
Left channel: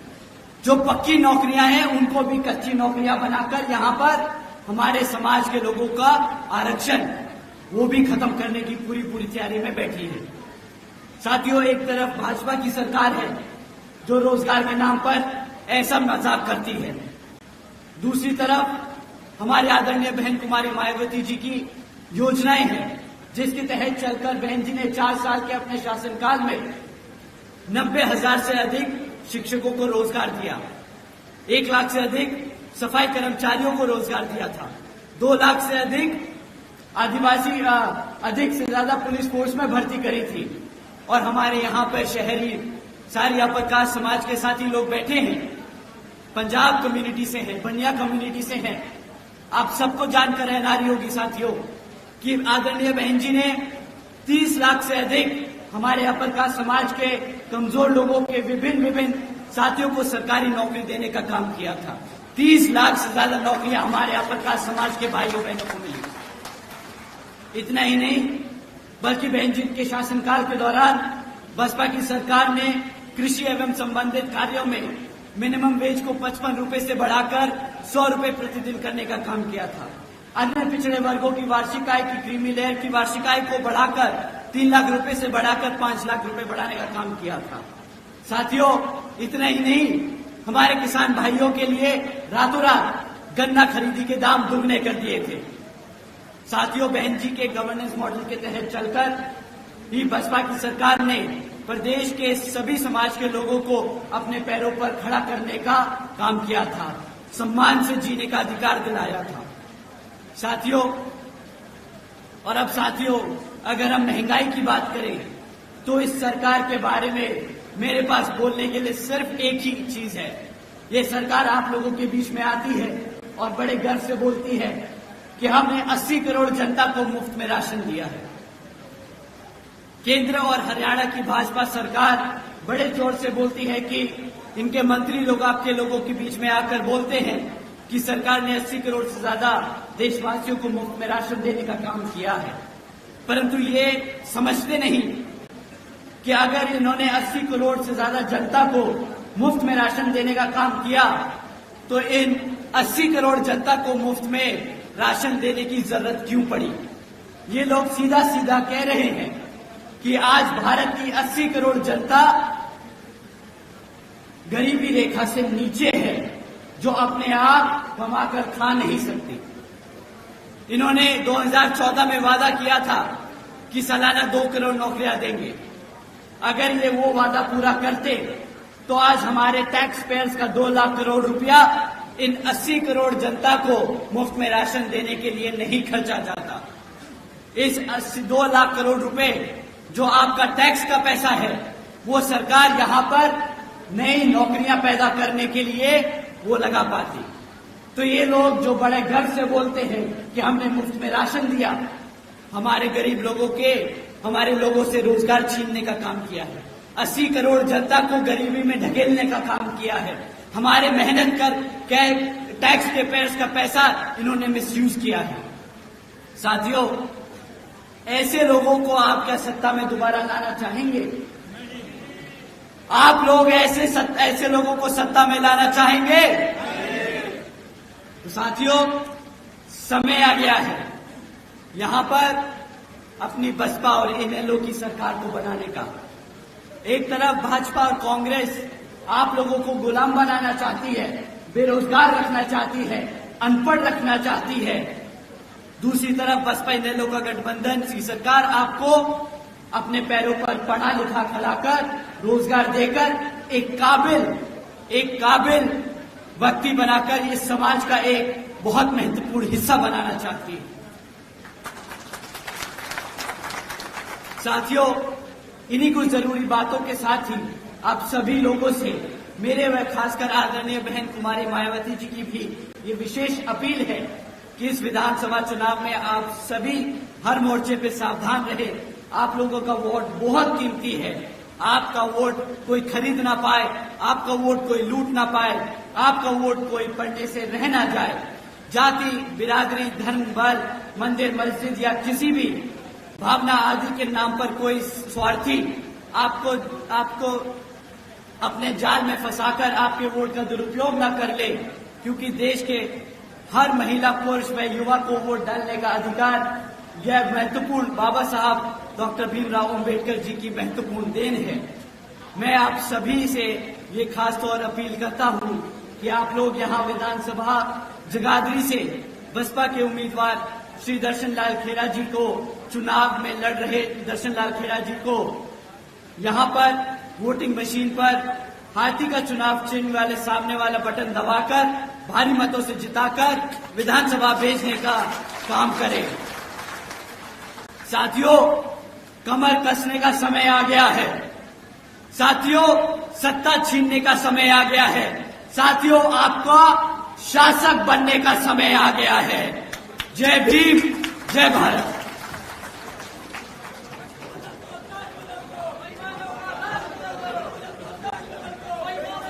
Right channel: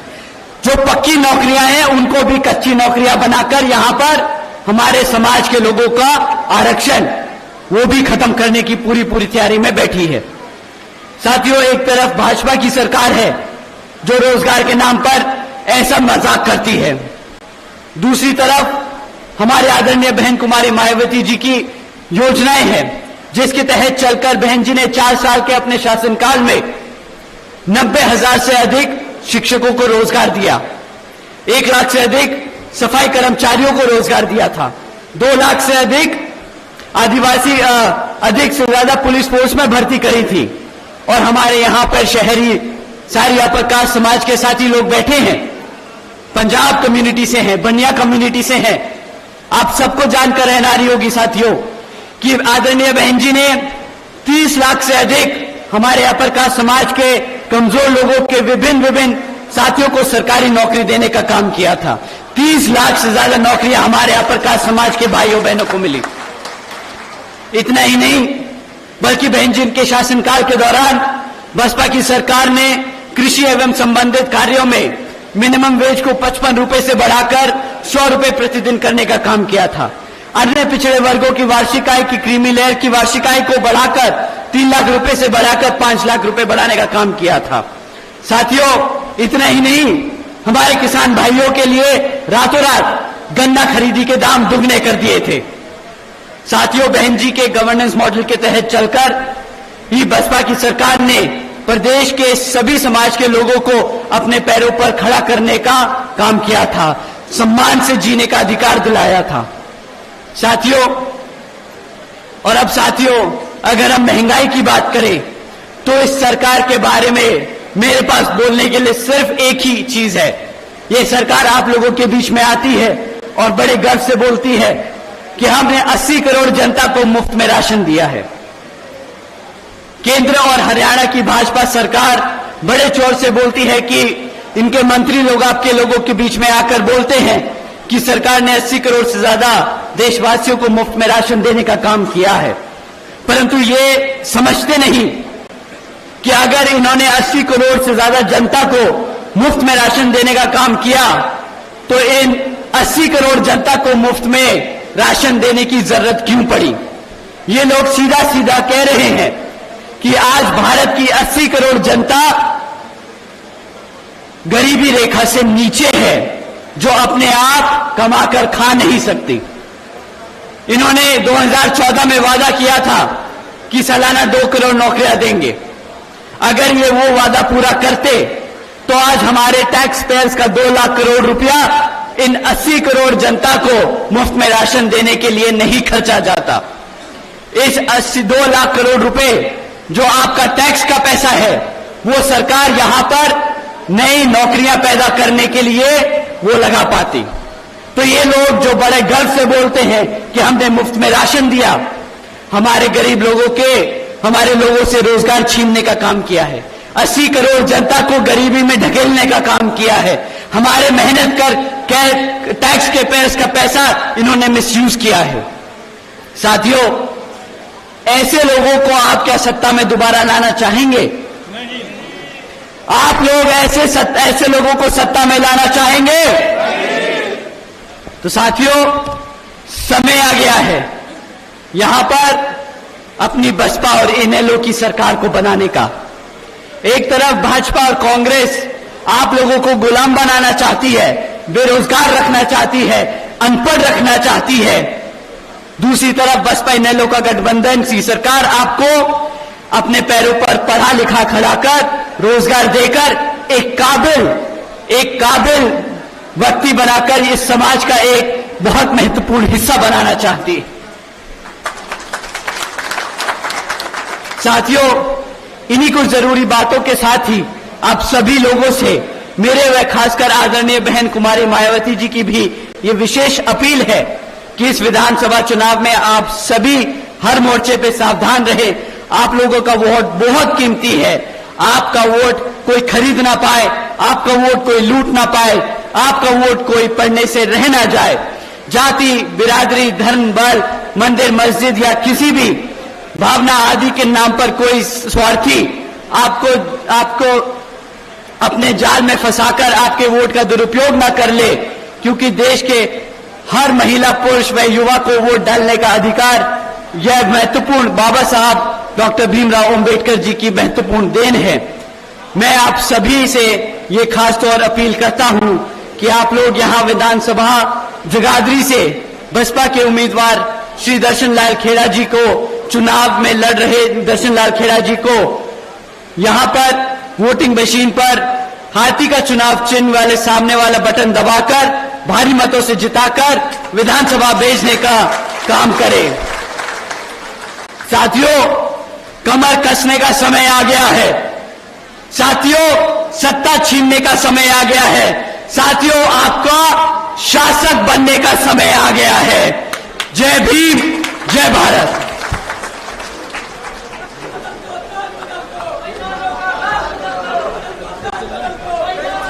जो पक्की नौकरियां हैं उनको भी कच्ची नौकरियां बनाकर यहां पर हमारे समाज के लोगों का आरक्षण वो भी खत्म करने की पूरी तैयारी में बैठी है। साथियों, एक तरफ भाजपा की सरकार है जो रोजगार के नाम पर ऐसा मजाक करती है, दूसरी तरफ हमारे आदरणीय बहन कुमारी मायावती जी की योजनाएं हैं जिसके तहत चलकर बहन जी ने 4 साल के अपने शासनकाल में 90,000 से अधिक शिक्षकों को रोजगार दिया, 1 लाख से अधिक सफाई कर्मचारियों को रोजगार दिया था, 2 लाख से अधिक आदिवासी अधिक से ज्यादा पुलिस फोर्स में भर्ती करी थी। और हमारे यहां पर शहरी सारी अपर कास्ट समाज के साथी लोग बैठे हैं, पंजाब कम्युनिटी से हैं, बनिया कम्युनिटी से हैं। आप सबको जानकर रहनारी होगी साथियों कि आदरणीय बहन जी ने 30 लाख से अधिक हमारे अपर कास्ट समाज के कमजोर लोगों के विभिन्न साथियों को सरकारी नौकरी देने का काम किया था। 30 लाख से ज्यादा नौकरियां हमारे अपर कास्ट समाज के भाइयों बहनों को मिली। इतना ही नहीं, बल्कि बहन जी के शासनकाल के दौरान बसपा की सरकार ने कृषि एवं संबंधित कार्यों में मिनिमम वेज को 55 रुपए से बढ़ाकर 100 रुपए प्रतिदिन करने का काम किया था। अन्य पिछड़े वर्गों की वार्षिक आय की क्रीमी लेयर की वार्षिक आय को बढ़ाकर 3 लाख रुपए से बढ़ाकर 5 लाख रुपए बढ़ाने का काम किया था। साथियों, इतना ही नहीं, हमारे किसान भाइयों के लिए रातों रात गन्ना खरीदी के दाम दुगने कर दिए थे। साथियों, बहन जी के गवर्नेंस मॉडल के तहत चलकर ही बसपा की सरकार ने प्रदेश के सभी समाज के लोगों को अपने पैरों पर खड़ा करने का काम किया था, सम्मान से जीने का अधिकार दिलाया था। साथियों, और अब साथियों, अगर हम महंगाई की बात करें तो इस सरकार के बारे में मेरे पास बोलने के लिए सिर्फ एक ही चीज है। ये सरकार आप लोगों के बीच में आती है और बड़े गर्व से बोलती है कि हमने 80 करोड़ जनता को मुफ्त में राशन दिया है। केंद्र और हरियाणा की भाजपा सरकार बड़े जोर से बोलती है कि इनके मंत्री लोग आपके लोगों के बीच में आकर बोलते हैं कि सरकार ने 80 करोड़ से ज्यादा देशवासियों को मुफ्त में राशन देने का काम किया है, परंतु ये समझते नहीं कि अगर इन्होंने 80 करोड़ से ज्यादा जनता को मुफ्त में राशन देने का काम किया तो इन 80 करोड़ जनता को मुफ्त में राशन देने की जरूरत क्यों पड़ी? ये लोग सीधा सीधा कह रहे हैं कि आज भारत की 80 करोड़ जनता गरीबी रेखा से नीचे है, जो अपने आप कमाकर खा नहीं सकती। इन्होंने 2014 में वादा किया था कि सालाना 2 करोड़ नौकरियां देंगे। अगर ये वो वादा पूरा करते तो आज हमारे टैक्स पेयर्स का 2 लाख करोड़ रुपया इन 80 करोड़ जनता को मुफ्त में राशन देने के लिए नहीं खर्चा जाता। इस 2 लाख करोड़ रुपए जो आपका टैक्स का पैसा है, वो सरकार यहां पर नई नौकरियां पैदा करने के लिए वो लगा पाती। तो ये लोग जो बड़े गर्व से बोलते हैं कि हमने मुफ्त में राशन दिया, हमारे गरीब लोगों के, हमारे लोगों से रोजगार छीनने का काम किया है। 80 करोड़ जनता को गरीबी में ढकेलने का काम किया है। हमारे मेहनत कर टैक्स के पेयर्स का पैसा इन्होंने मिसयूज किया है। साथियों, ऐसे लोगों को आप क्या सत्ता में दोबारा लाना चाहेंगे? आप लोग ऐसे लोगों को सत्ता में लाना चाहेंगे? तो साथियों, समय आ गया है यहां पर अपनी बसपा और इनेलो की सरकार को बनाने का। एक तरफ भाजपा और कांग्रेस आप लोगों को गुलाम बनाना चाहती है, बेरोजगार रखना चाहती है, अनपढ़ रखना चाहती है। दूसरी तरफ बसपा इनेलो का गठबंधन सी सरकार आपको अपने पैरों पर पढ़ा लिखा खड़ा कर, रोजगार देकर एक काबिल व्यक्ति बनाकर इस समाज का एक बहुत महत्वपूर्ण हिस्सा बनाना चाहती है। साथियों, इन्हीं कुछ जरूरी बातों के साथ ही आप सभी लोगों से मेरे व खासकर आदरणीय बहन कुमारी मायावती जी की भी ये विशेष अपील है कि इस विधानसभा चुनाव में आप सभी हर मोर्चे पे सावधान रहे। आप लोगों का वोट बहुत कीमती है। आपका वोट कोई खरीद ना पाए, आपका वोट कोई लूट ना पाए, आपका वोट कोई पढ़ने से रह ना जाए। जाति, बिरादरी, धर्म, बल, मंदिर, मस्जिद या किसी भी भावना आदि के नाम पर कोई स्वार्थी आपको अपने जाल में फंसाकर आपके वोट का दुरुपयोग ना कर ले, क्योंकि देश के हर महिला, पुरुष व युवा को वोट डालने का अधिकार, यह महत्वपूर्ण बाबा साहब डॉक्टर भीमराव अंबेडकर जी की महत्वपूर्ण देन है। मैं आप सभी से ये खास तौर अपील करता हूं कि आप लोग यहां विधानसभा जगाधरी से बसपा के उम्मीदवार श्री दर्शन लाल खेड़ा जी को, चुनाव में लड़ रहे दर्शन लाल खेड़ा जी को यहां पर वोटिंग मशीन पर हाथी का चुनाव चिन्ह वाले सामने वाला बटन दबाकर भारी मतों से जिताकर विधानसभा भेजने का काम करें। साथियों, कमर कसने का समय आ गया है। साथियों, सत्ता छीनने का समय आ गया है। साथियों, आपका शासक बनने का समय आ गया है। जय भीम, जय भारत।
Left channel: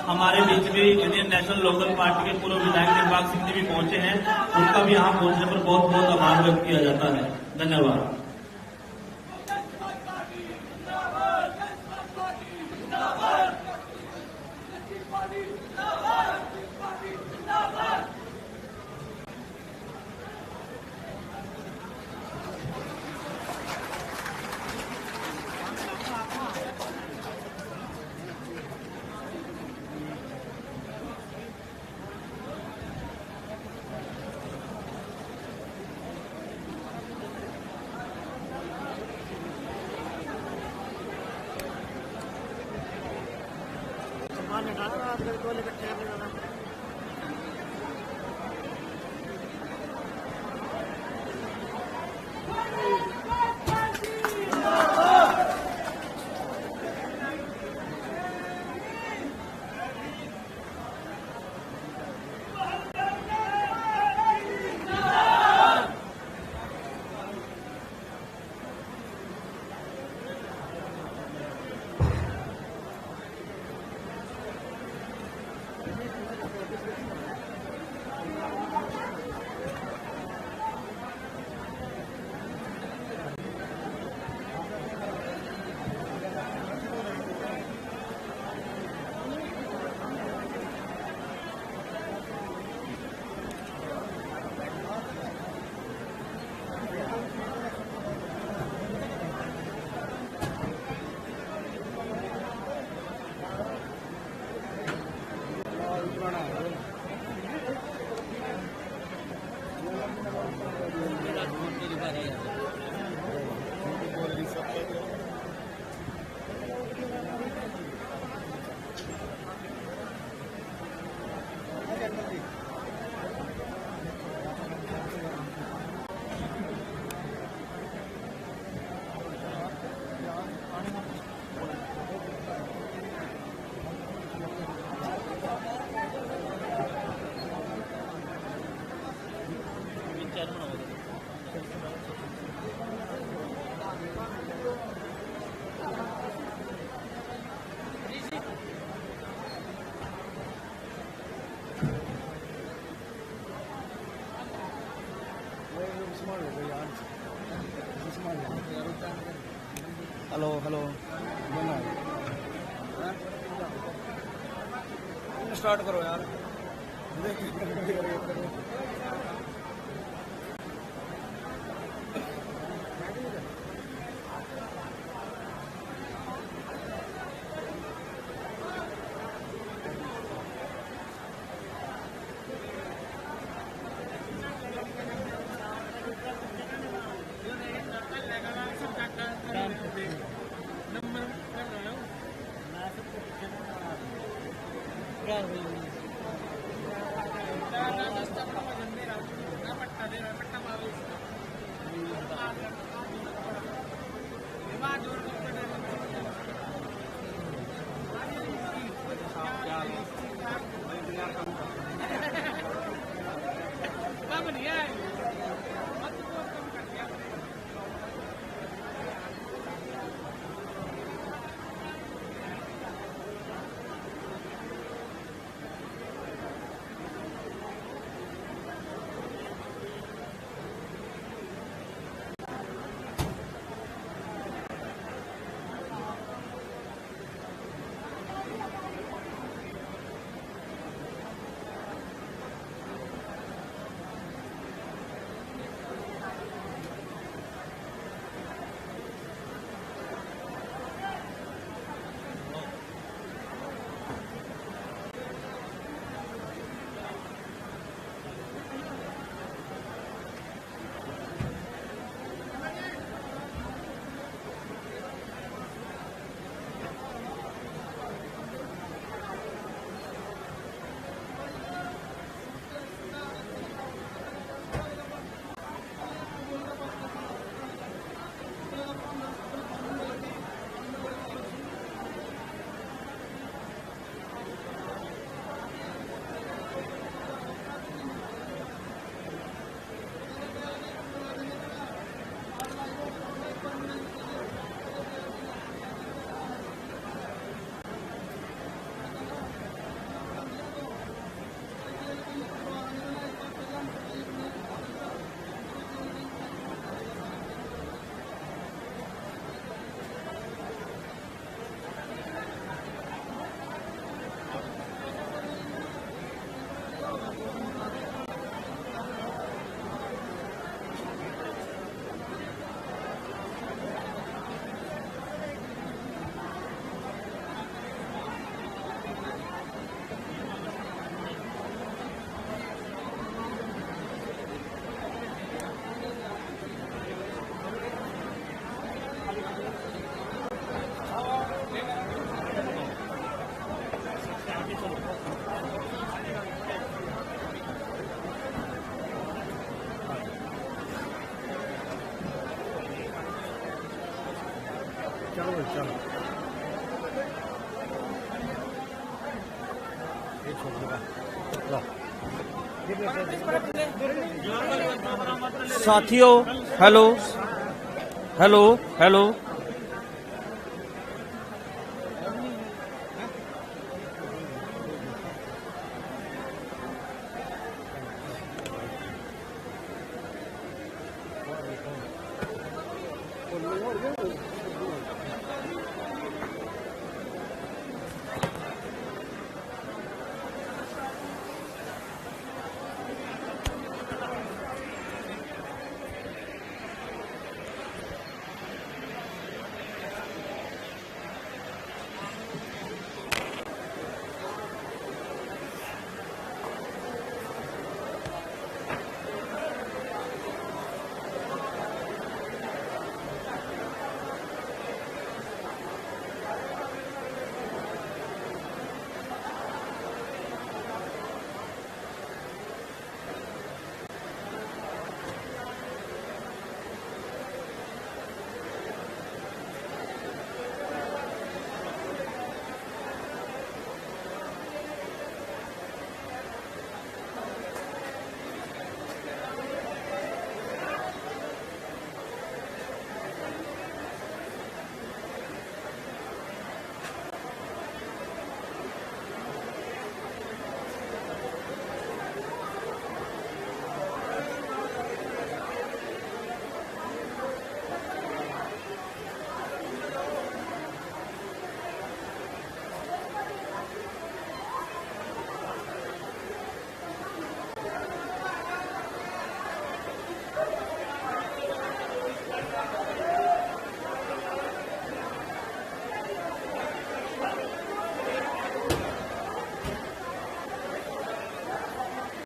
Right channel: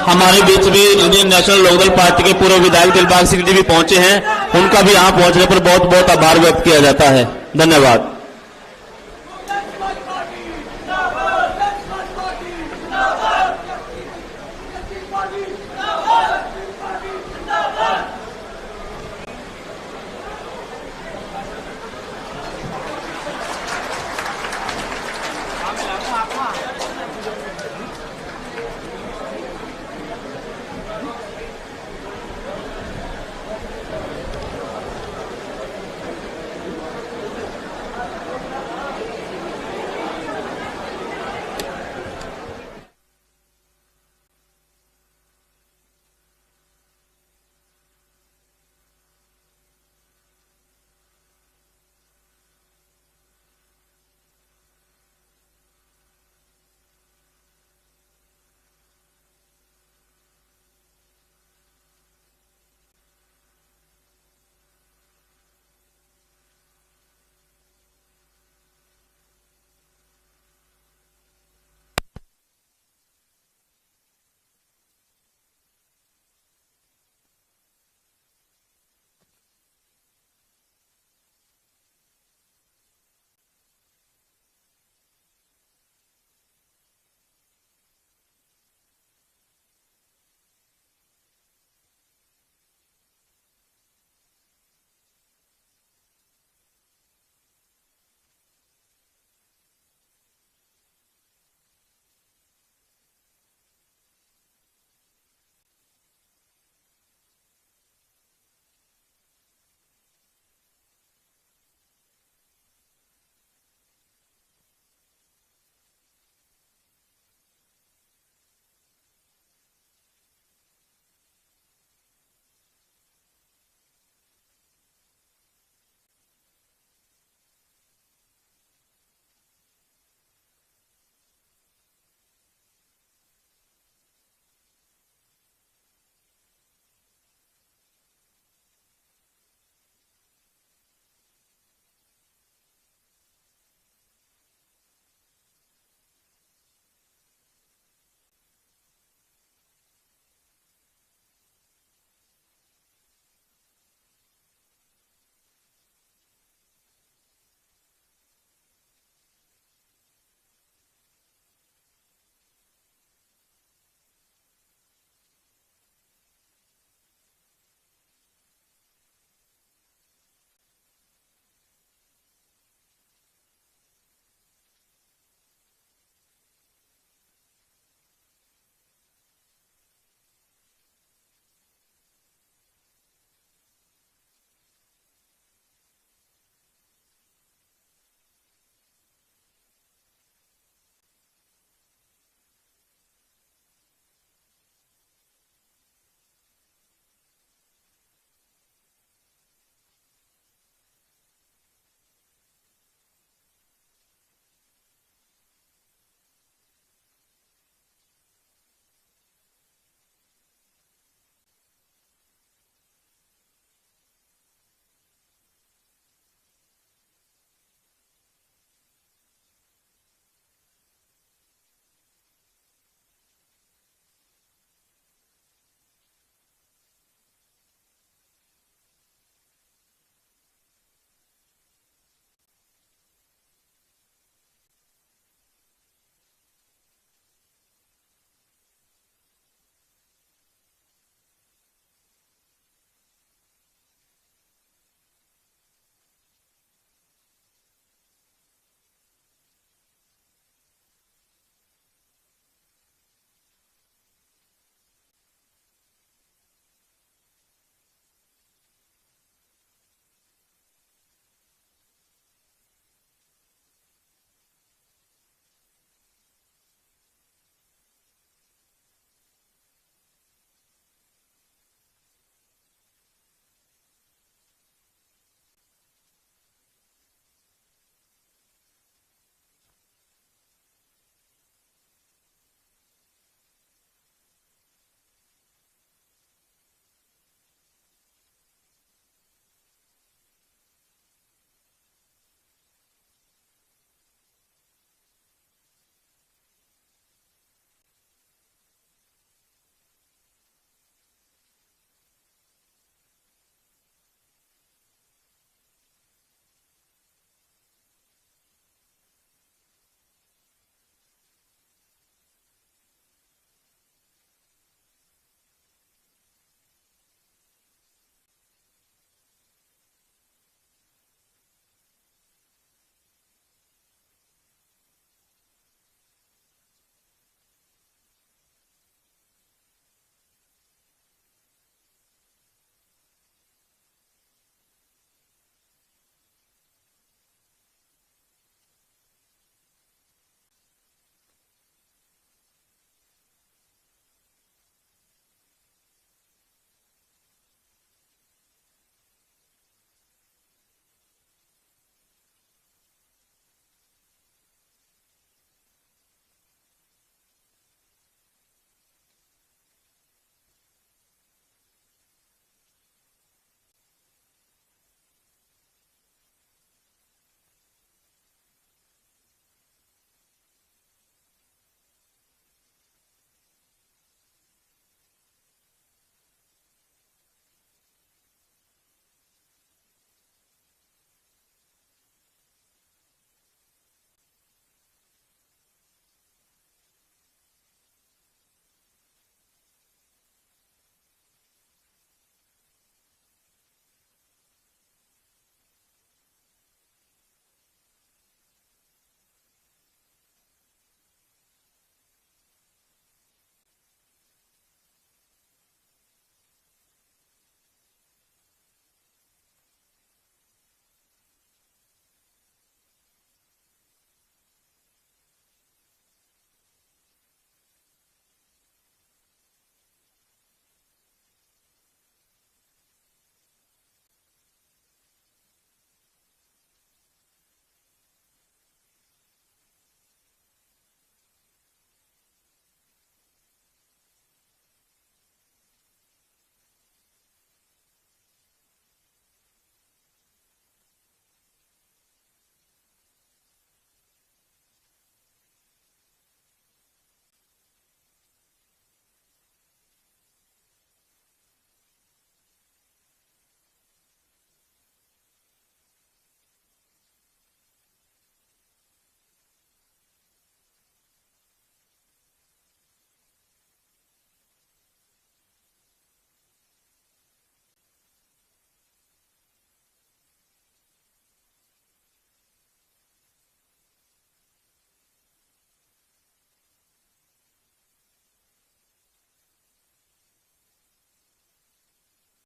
हमारे बीच भी इंडियन नेशनल लोकदल पार्टी के पूर्व विधायक दिलबाग सिंह जी भी पहुंचे हैं। उनका भी यहां पहुंचने पर बहुत बहुत आभार व्यक्त किया जाता है। धन्यवाद। हेलो हेलो स्टार्ट करो यार। चलो चलो साथियों हेलो हेलो हेलो